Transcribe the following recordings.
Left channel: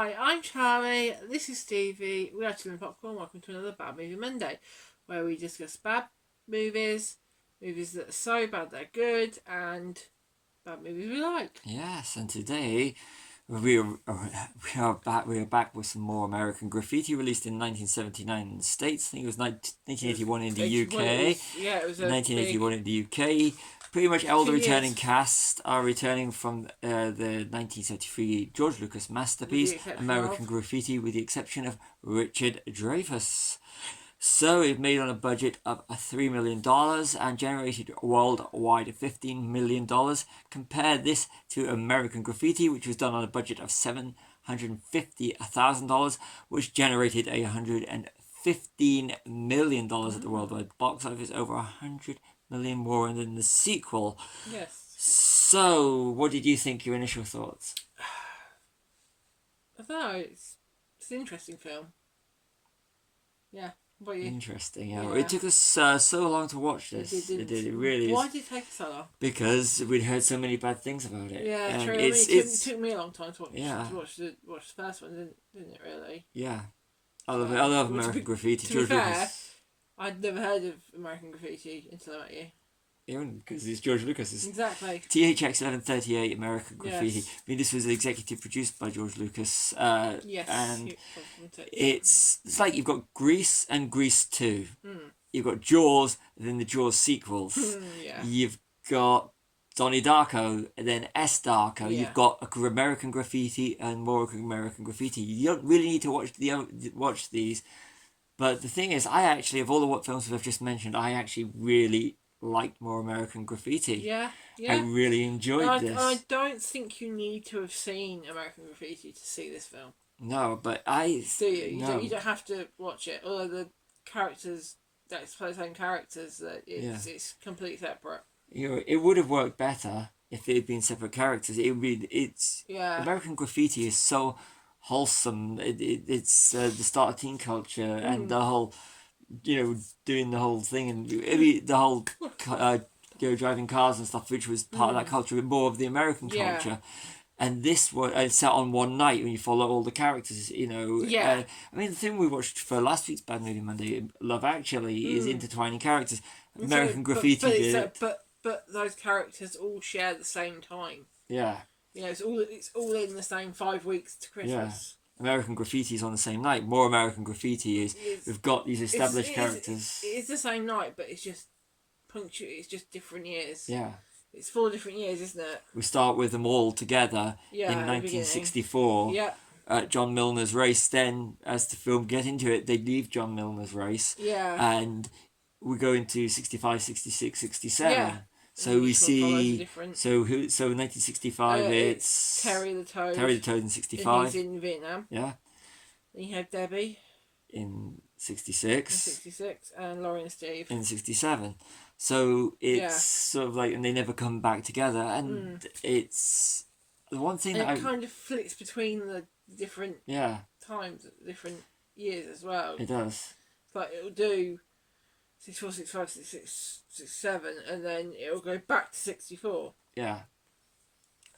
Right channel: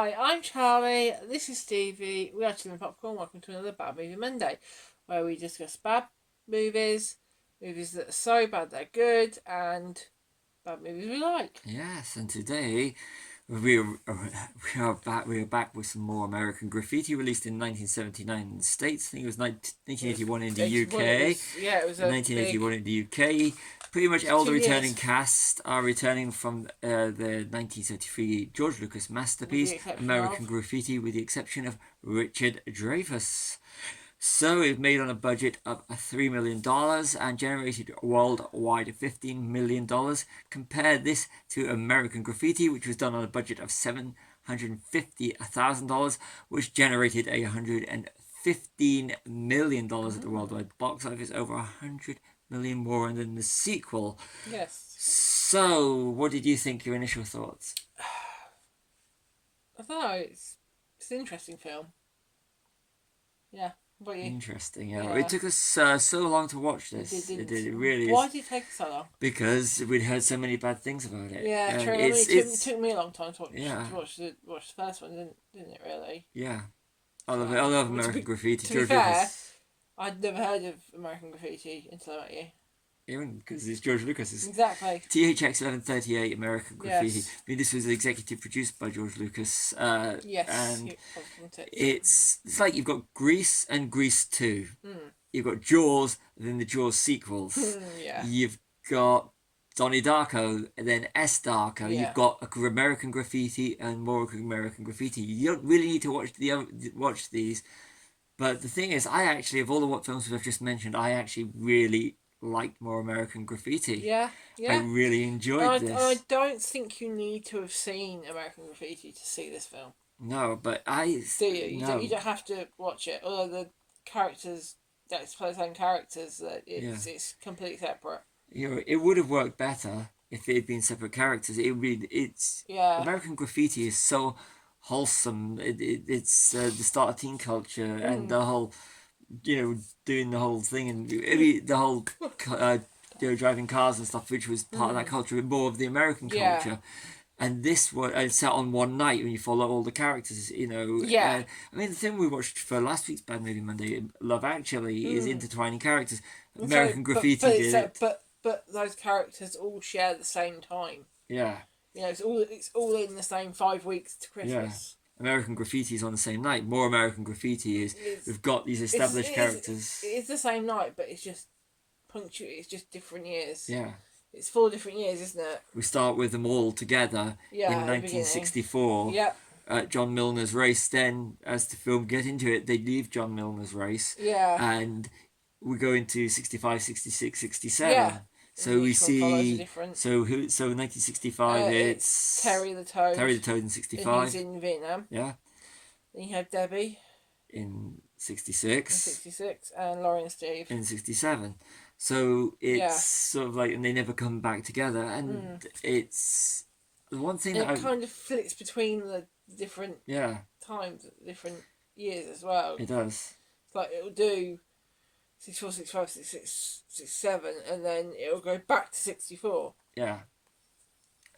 Hi, I'm Charlie. This is Stevie. We are Chilling Popcorn. Welcome to another Bad Movie Monday, where we discuss bad movies, movies that are so bad they're good, and bad movies we like. Yes, and today we are back with some more American Graffiti, released in 1979 in the States. I think it was 1981 in the UK. It was 1981 in the UK. Pretty much all the returning years. cast are returning from the 1973 George Lucas masterpiece, American Graffiti, with the exception of Richard Dreyfuss. So it made on a budget of $3 million and generated worldwide $15 million. Compare this to American Graffiti, which was done on a budget of $750,000, which generated $115 million at the worldwide box office, over $100 million more than the sequel. Yes. So, what did you think? Your initial thoughts? I don't know. It's an interesting film. Yeah. What about you? Interesting. Yeah. It took us so long to watch this. It did. It really. Why did it take so long? Because we'd heard so many bad things about it. Yeah, and true. It took me a long time to watch. Yeah. To watch the first one, didn't it? Really. Yeah. I love American Graffiti. To be fair, I'd never heard of American Graffiti until I met you. Even because it's George Lucas. Exactly. THX 1138 American Graffiti. Yes. I mean, this was executive produced by George Lucas. Yes. And it's like you've got Grease and Grease 2. You've got Jaws, and then the Jaws sequels. Yeah. You've got Donnie Darko, and then S. Darko. Yeah. You've got American Graffiti and more American Graffiti. You don't really need to watch these. But the thing is, I actually, of all the films we've just mentioned, I actually really liked more American Graffiti. Yeah. I really enjoyed this. I don't think you need to have seen American Graffiti to see this film. No, but I... Do you? You don't have to watch it. Although the characters, that's play the same characters, that it's completely separate. It would have worked better if they had been separate characters. American Graffiti is so wholesome. It's the start of teen culture and the whole... doing the whole thing and the whole driving cars and stuff, which was part of that culture, but more of the American culture. And this was set on one night when you follow all the characters, I mean, the thing we watched for last week's Bad Movie Monday, Love Actually, is intertwining characters. American Graffiti did it. But those characters all share the same time. Yeah. It's all in the same 5 weeks to Christmas. Yeah. American Graffiti is on the same night. More American Graffiti is we've got these established characters. It's the same night, but it's just it's just different years. Yeah. It's 4 different years, isn't it? We start with them all together in 1964. Yeah. John Milner's race. Then, as the film get into it, they leave John Milner's race. Yeah. And we go into 65, 66, 67. Yeah. So we see. So 1965. It's Terry the Toad. Terry the Toad in 65. He's in Vietnam. Yeah. Then you have Debbie. In 66. In 66, and Laurie and Steve. In 67. So it's sort of like, and they never come back together, and it's the one thing that kind of flits between the different times, different years as well. It does. It's like it'll do 64, 65, 66, 67, and then it'll go back to 64. Yeah,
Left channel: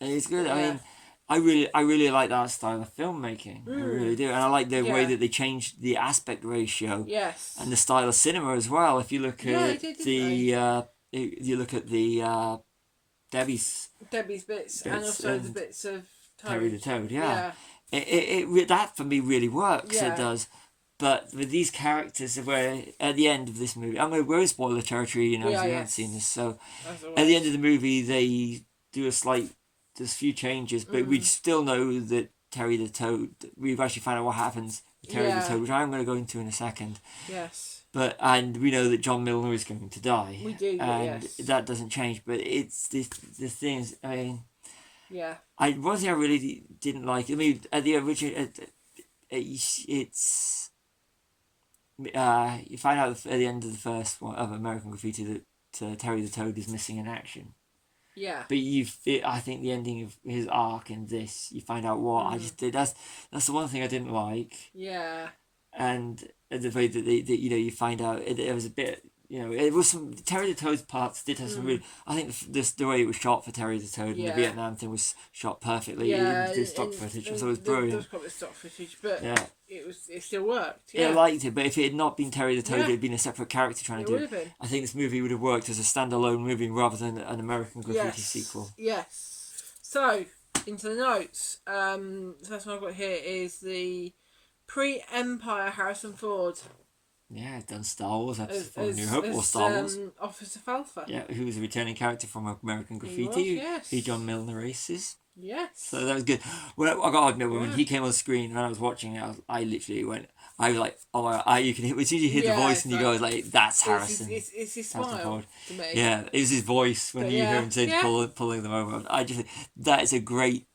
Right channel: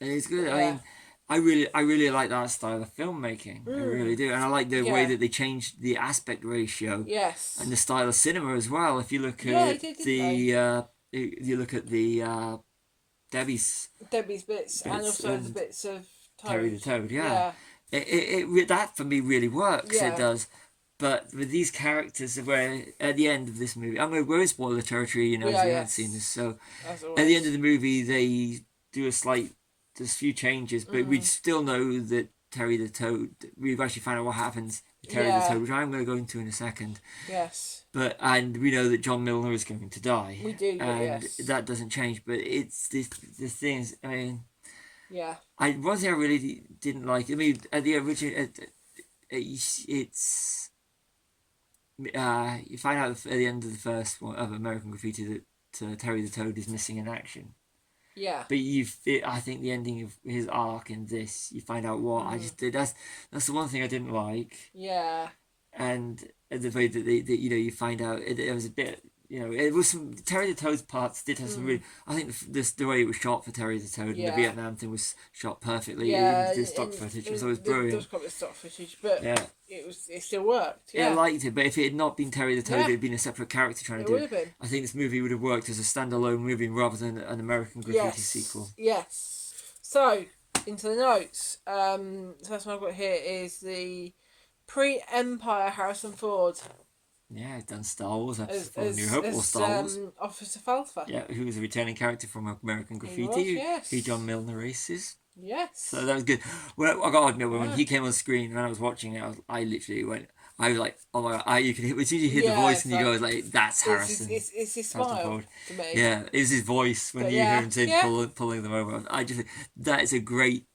and it's good. I mean, I really like that style of filmmaking. I really do, and I like the way that they changed the aspect ratio. Yes. And the style of cinema as well. If you look at you look at the Debbie's bits and also the bits of Terry the Toad. Yeah. It that for me really works. Yeah. It does. But with these characters, where at the end of this movie, we're in spoiler territory, if you haven't seen this. So at the end of the movie, they do there's a few changes, but we still know that Terry the Toad, we've actually found out what happens with Terry the Toad, which I'm going to go into in a second. Yes. And we know that John Milner is going to die. We do, and that doesn't change, but it's the thing is, I mean... Yeah. One thing I really didn't like, I mean, at the original, it's... you find out at the end of the first one of American Graffiti that Terry the Toad is missing in action. Yeah. But I think the ending of his arc in this, you find out what I just did. That's the one thing I didn't like. Yeah. And the way that you find out it was a bit. it was some Terry the Toad's parts did have some really. I think the way it was shot for Terry the Toad and the Vietnam thing was shot perfectly. The stock footage, so it was brilliant. There was quite a bit of stock footage, but it still worked. Yeah. It liked it, but if it had not been Terry the Toad, it had been a separate character trying to do it. I think this movie would have worked as a standalone movie rather than an American Graffiti sequel. Yes. So into the notes. The first one I've got here is the pre-Empire Harrison Ford. Yeah, he's done Star Wars episodes from New Hope or Star Wars. Officer Falfa. Yeah, who was a returning character from American Graffiti. Who John Milner races. Yes. So that was good. Well, I got to admit, when he came on screen and I was watching it, I literally went. I was like, oh my God, you can hear, as soon as you hear the voice and you go, like, that's Harrison. It's his smile to me. Yeah, it was his voice when you hear him pulling them over. I just think that is a great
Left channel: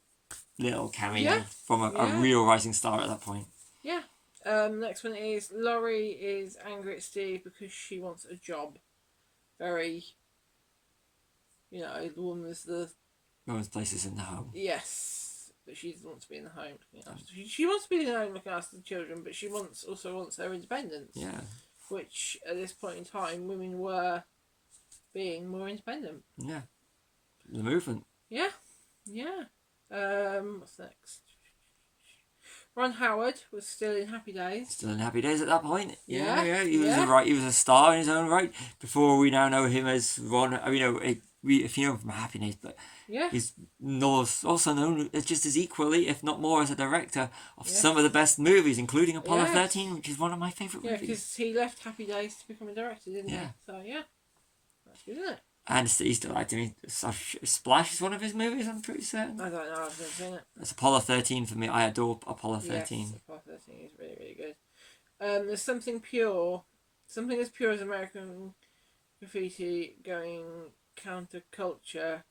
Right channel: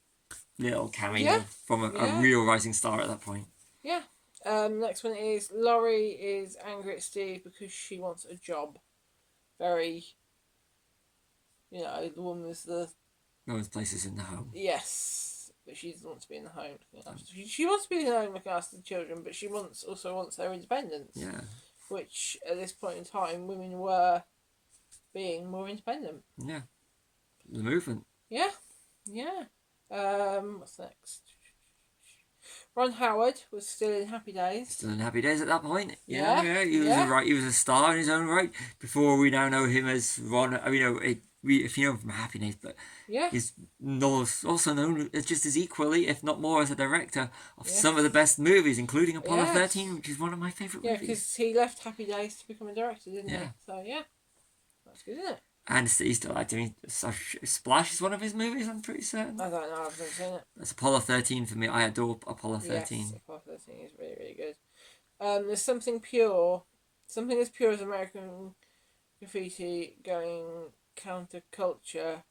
little cameo from a real rising star at that point. Yeah. Next one is Laurie is angry at Steve because she wants a job. Very, the woman's place is in the home. Yes, but she doesn't want to be in the home. She wants to be in the home looking after the children, but she also wants her independence. Yeah. Which at this point in time, women were being more independent. Yeah. The movement. Yeah. Yeah. What's next? Ron Howard was still in Happy Days. Still in Happy Days at that point. Yeah. He was a star in his own right. Before we now know him as Ron. If you know him from Happy Days, but he's also known just as equally, if not more, as a director of some of the best movies, including Apollo 13, which is one of my favourite movies. Yeah, because he left Happy Days to become a director, didn't he? So that's good, isn't it? And he still liked him. Splash is one of his movies, I'm pretty certain. I don't know, I've never seen it. It's Apollo 13 for me. I adore Apollo 13. Yes, Apollo 13 is really, really good. There's something as pure as American Graffiti going counterculture.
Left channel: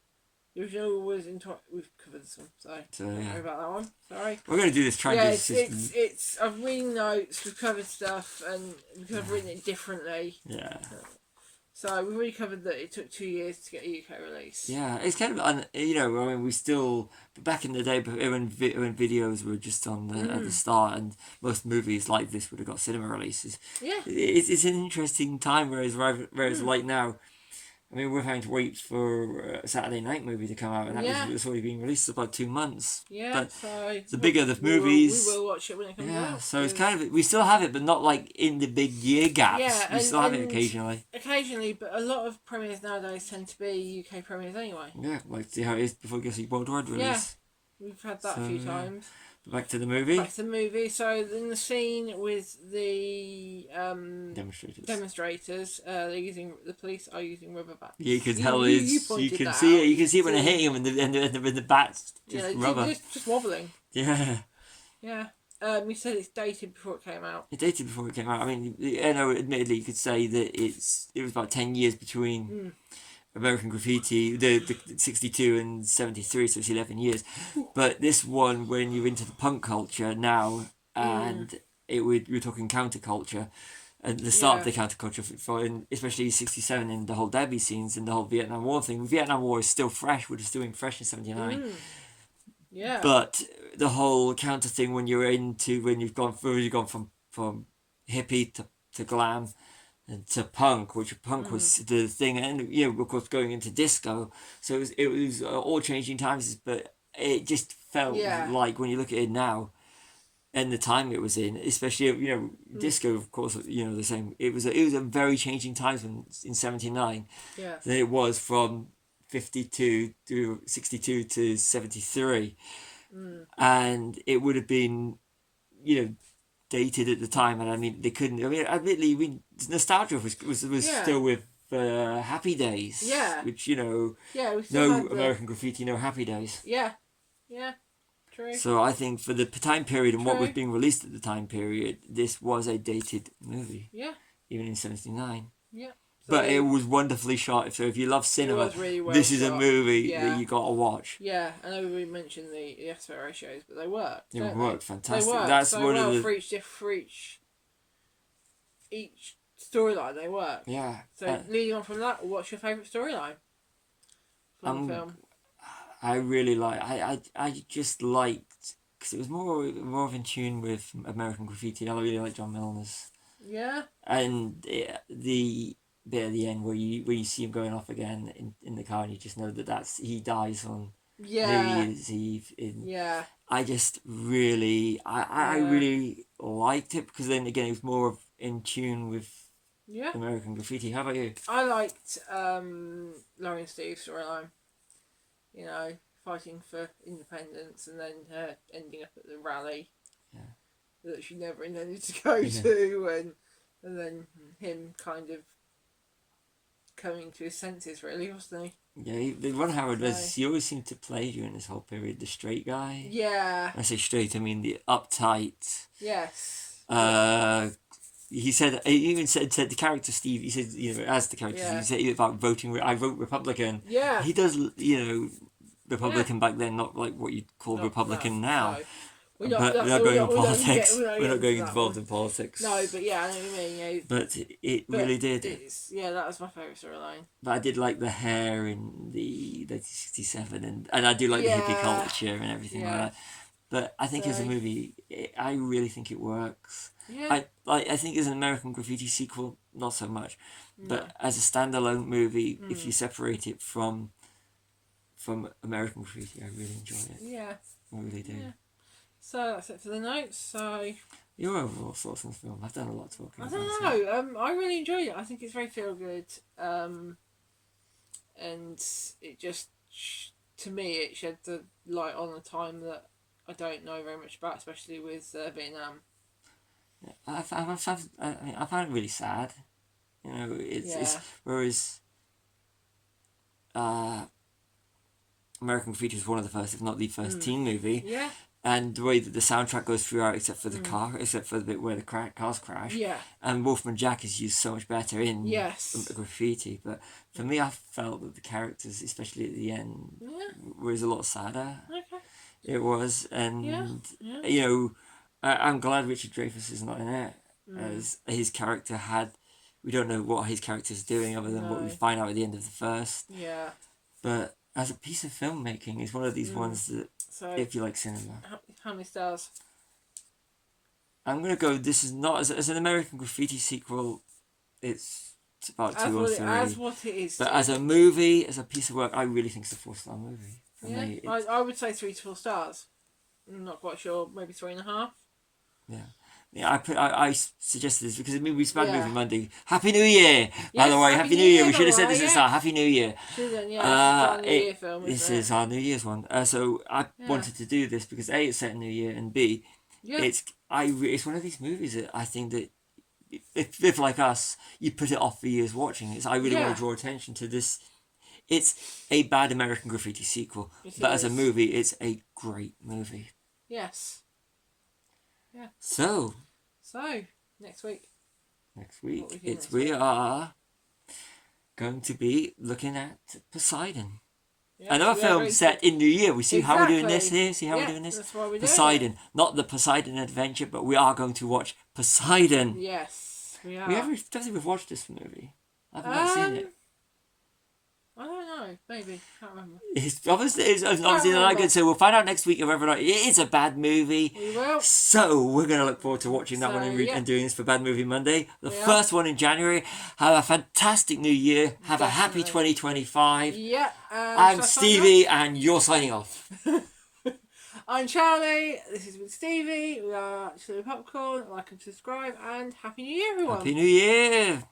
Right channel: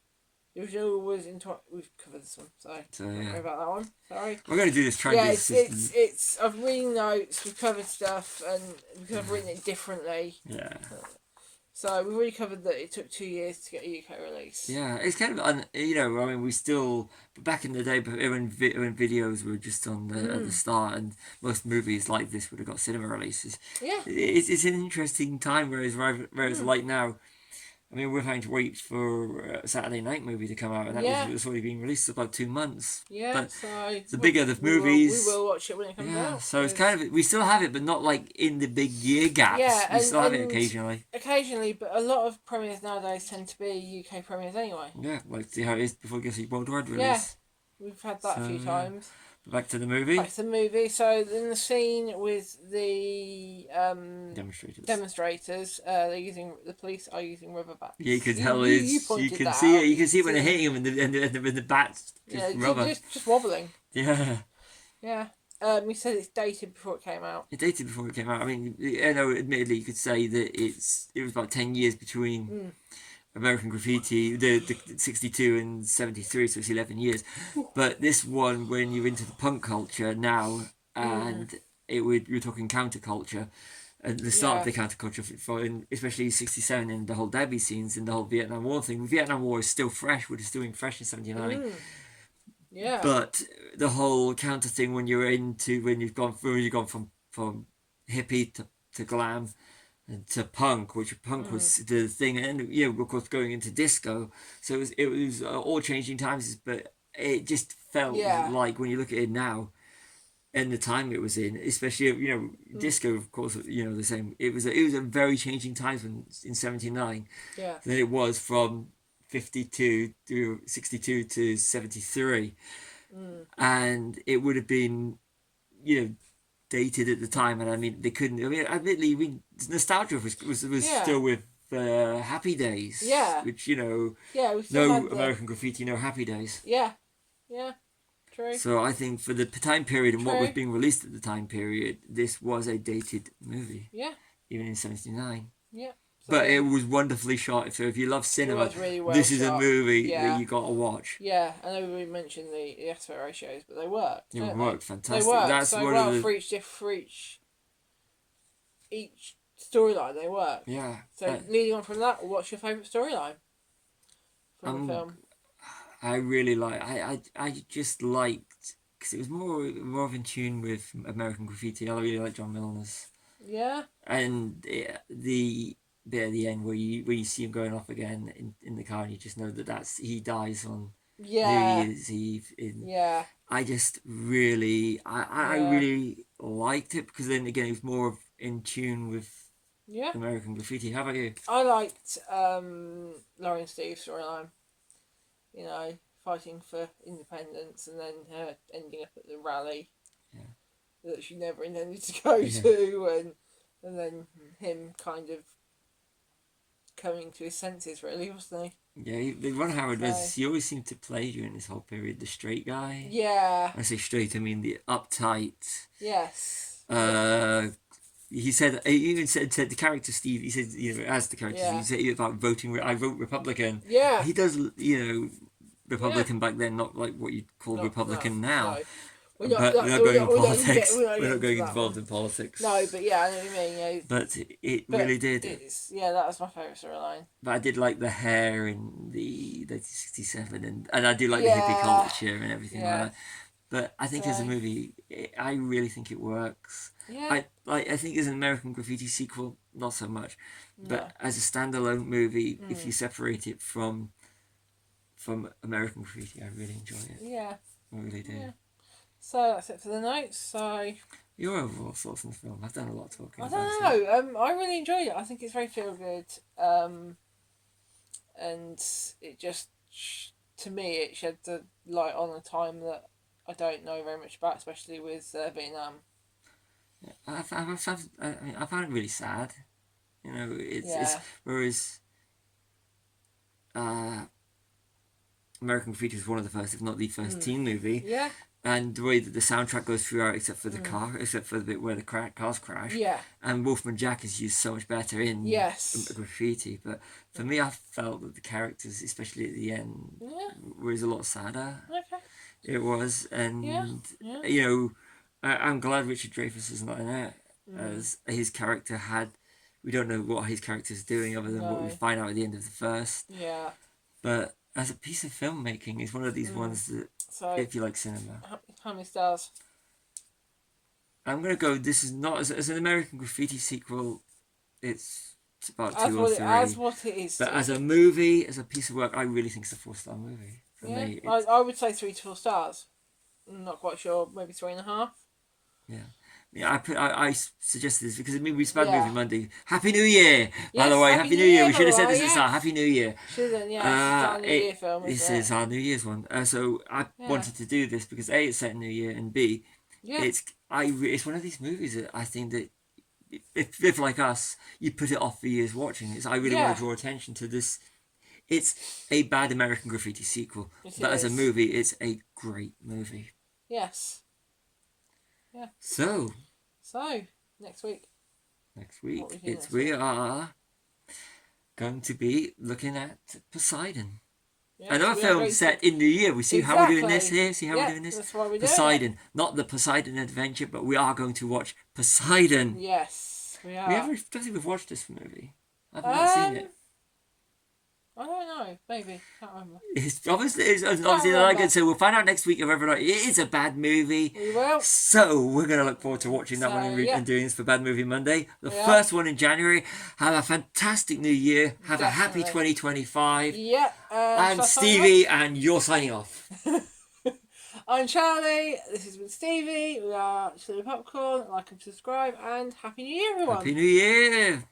The original was we've covered this one, so don't worry about that one. Sorry. We're going to do this. It's I've reading notes, we've covered stuff, and because I've written it differently. Yeah. So we've already covered that it took 2 years to get a UK release. Yeah, it's kind of we still, but back in the day when videos were just on at the start, and most movies like this would have got cinema releases. Yeah, it's an interesting time, whereas like now, we're having to wait for a Saturday night movie to come out, and that was already being released for about 2 months. Yeah, but so the bigger the movies, we will watch it when it comes out. So it's kind of, we still have it, but not like in the big year gaps. Yeah, we still have it occasionally. Occasionally, but a lot of premieres nowadays tend to be UK premieres anyway. Yeah, like see how it is before it gets a worldwide release. Yeah, we've had that a few times. Back to the movie. So in the scene with the demonstrators, the police are using rubber bats. Yeah, you can tell you can see it. You can see it when they're hitting them, and the bats just rubber. Just wobbling. Yeah. Yeah. You said it's dated before it came out. It dated before it came out. Admittedly, you could say that it was about 10 years between. American Graffiti, the 62 and 73, so it's 11 years. But this one, when you're into the punk culture now, and you're talking counterculture, and the start of the counterculture, especially 67 in the whole Debbie scenes and the whole Vietnam War thing. The Vietnam War is still fresh, we're just doing fresh in 79. Yeah. But the whole counter thing when you've gone from hippie to glam, and to punk, which punk was the thing, and of course going into disco, so it was all changing times, but it just felt like when you look at it now, and the time it was in, especially disco, of course, the same. It was a very changing times in 79. Yeah. Than it was from 52 to 62 to 73, and it would have been, dated at the time, and they couldn't. Admittedly, nostalgia was still with Happy Days. Yeah. Which no American Graffiti, no Happy Days. Yeah. Yeah. True. So I think for the time period and what was being released at the time period, this was a dated movie. Yeah. Even in 79. Yeah. But it was wonderfully shot. So if you love cinema, really this is a movie that you got to watch. Yeah, I know we mentioned the aspect ratios, but they worked. It worked fantastic. They worked That's so one of the for each storyline. They worked. Yeah. So leading on from that, what's your favourite storyline from the film? I really I just liked, because it was more of in tune with American Graffiti. I really like John Milner's. Yeah. And bit at the end where you see him going off again in the car, and you just know that he dies on New Year's Eve. I just really, I really liked it, because then again it was more in tune with American Graffiti. How about you? I liked Laurie and Steve's storyline. You know, fighting for independence and then her ending up at the rally that she never intended to go to, and then him kind of coming to his senses, really, wasn't he? Yeah, the Ron Howard was, he always seemed to play during this whole period the straight guy. Yeah. When I say straight, I mean the uptight. Yes. He even said the character Steve, he said, you know, as the character, he said about voting, I vote Republican. Yeah. He does, you know, Republican back then, not like what you'd call Republican now. No. We're not going into politics. We're not going involved in politics. No, but yeah, I know what you mean. But it really did. That was my favourite storyline. But I did like the hair in the 1967, and I do like the hippie culture and everything like that. But I think as a movie, I really think it works. Yeah. I think as an American Graffiti sequel, not so much. But as a standalone movie, if you separate it from American Graffiti, I really enjoy it. Yeah. I really do. Yeah. So that's it for the notes. So your overall thoughts on the film? I've done a lot of talking. I don't know. I really enjoyed it. I think it's very feel good. And it just, to me, it shed the light on a time that I don't know very much about, especially with Vietnam. I found it really sad. You know, it's whereas American Graffiti is one of the first, if not the first, teen movie. Yeah. And the way that the soundtrack goes throughout, except for the car, except for the bit where the cars crash. Yeah. And Wolfman Jack is used so much better in Graffiti. But for me, I felt that the characters, especially at the end, was a lot sadder. Okay. It was, and you know, I'm glad Richard Dreyfuss is not in it, as his character had. We don't know what his character's doing other than what we find out at the end of the first. Yeah. But as a piece of filmmaking, it's one of these ones that, if you like cinema. How many stars? I'm going to go, this is not, as an American Graffiti sequel, it's about 2 or 3. As what it is. But as a movie, as a piece of work, I really think it's a 4-star movie. For me, I would say 3 to 4 stars. I'm not quite sure, maybe 3.5. Yeah. Yeah, I suggested this because we Bad Movie Monday. Happy New Year! By the way, Happy New Year. We should have said this at the start. Happy New Year. Should have, it's our New Year film. This is our New Year's one. So I wanted to do this because A, it's set in New Year, and B, it's one of these movies that I think that if like us, you put it off for years watching. I really want to draw attention to this. It's a bad American Graffiti sequel, but as a movie, it's a great movie. Yes. Yeah. So next week. We are going to be looking at Poseidon. Another film set in New Year. We see how we're doing this here. See how we're doing this? That's why we're Poseidon. doing it. Not the Poseidon Adventure, but we are going to watch Poseidon. Yes, we are. I don't think we've watched this movie. I've not seen it. I don't know. Maybe. Can't remember. It's obviously not good. So we'll find out next week if whether or not it is a bad movie. We will. So we're going to look forward to watching that one and doing this for Bad Movie Monday. The first one in January. Have a fantastic new year. Have a happy 2025. Yeah. I'm Stevie and you're signing off. I'm Charlie. This is with Stevie. We are Chili Popcorn. Like and subscribe and Happy New Year, everyone. Happy New Year.